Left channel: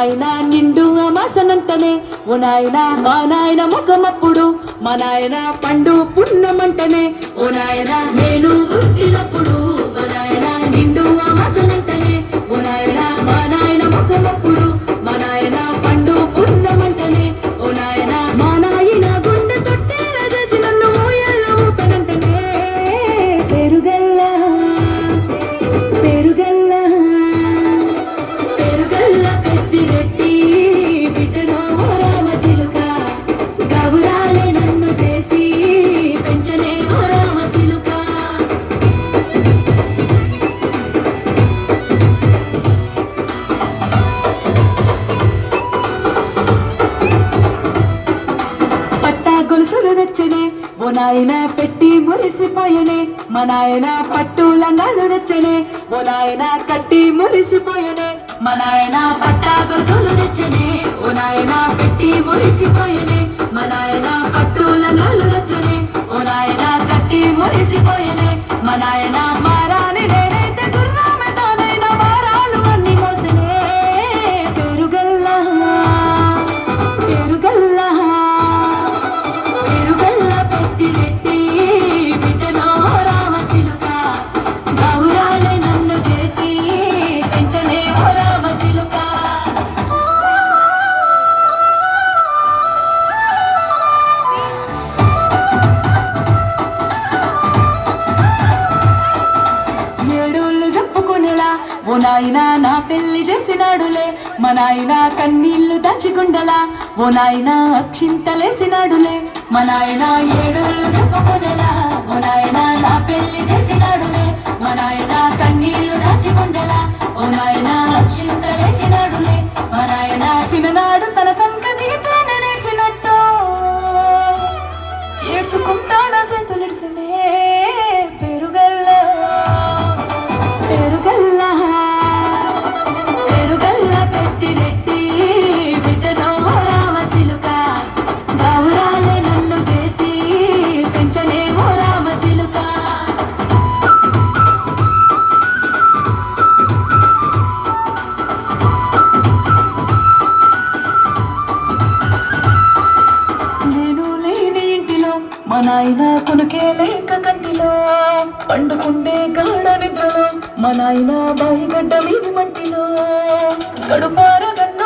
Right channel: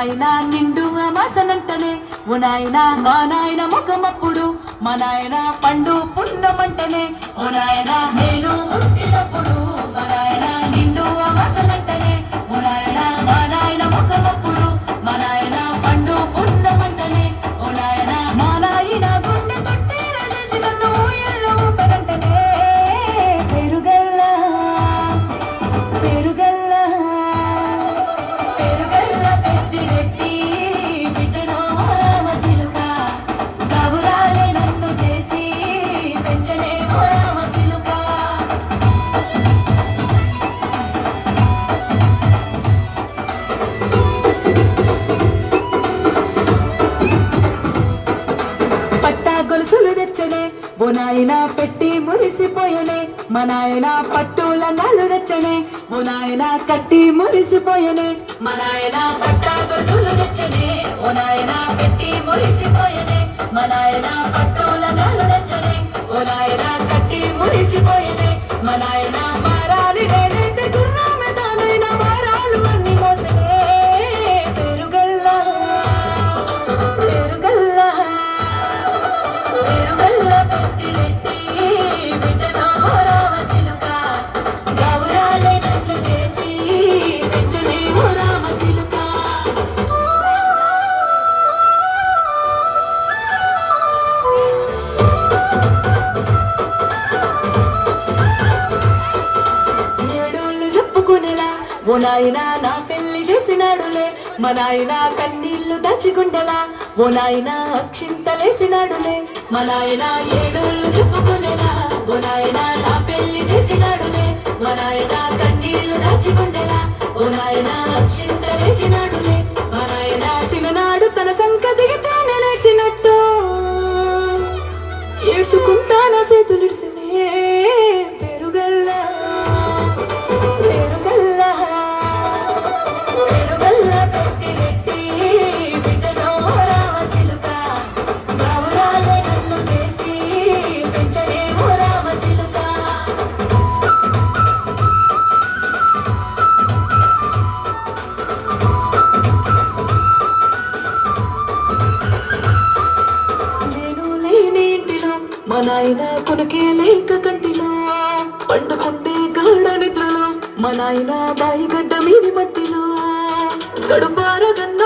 నాయన నిండు అమాసనంటనే ఓ నాయన మా నాయన ముఖమప్పుడు మా నాయన పండు పున్నమంటనే ఓ నాయన నేను పుట్టినప్పుడు మా నాయన నిండు అమాసనంటనే ఓ నాయన మా నాయన ముఖమప్పుడు మా నాయన పండు పున్నమంటనే ఓ నాయన మా నాయన గుండె తొట్టేలా చేసి నన్ను ఊయల్ల ఊపనంటనే పెరుగల్ల పెరుగల్ల పెరుగల్ల పెద్దిరెడ్డి బిడ్డనో రామసిలుక గౌరాలే నన్ను చేసి పెంచలే ఓ రామసిలుక పట్టా గొలుసులు తెచ్చనే ఓ నాయన పెట్టి మురిసిపోయనే మా నాయన పట్టు లంగాలు తెచ్చనే ఓ నాయన కట్టి మురిసిపోయనే మా నాయన పట్టా గొలుసులు తెచ్చనే ఓ నాయన పెట్టి మురిసిపోయనే మా నాయన పట్టు లంగాలు తెచ్చనే ఓ నాయన కట్టి మురిసిపోయనే మా నాయన మారాని నేనైతే గుర్రమే తానైన మారాలు అన్ని కోసనే పెరుగల్ల పెరుగల్ల పెరుగల్ల పెద్దిరెడ్డి బిడ్డనో రామసిలుక గౌరాలే నన్ను చేసి పెంచలే ఓ రామసిలుక ఏడోళ్ళు చెప్పుకునేలా ఓ నాయన నా పెళ్లి చేసినాడులే మా నాయన కన్నీళ్లు దాచిగుండలా ఓ నాయన అక్షింతలేసినాడులే మా నాయన ఏడోళ్ళు చెప్పుకునేలా ఓ నాయన నా పెళ్లి చేసినాడులే మా నాయన కన్నీళ్లు దాచిగుండలా ఓ నాయన అక్షింతలేసినాడులే మా నాయన సిననాడు తన సంకతి తానే నేర్చినట్టు ఏసుకుంటాన చేతులెడిసనే పెరుగల్ల పెరుగల్ల పెరుగల్ల పెద్దిరెడ్డి బిడ్డనో రామసిలుక గౌరాలే నన్ను చేసి పెంచలే ఓ రామసిలుక నేను లేని ఇంటిలో మా నాయన కొనుకే లేక కంటిలో పండుకుంటే గాఢ నిద్రలో మా నాయన బాయి గడ్డ మీది మట్టిలో కడుపార గన్న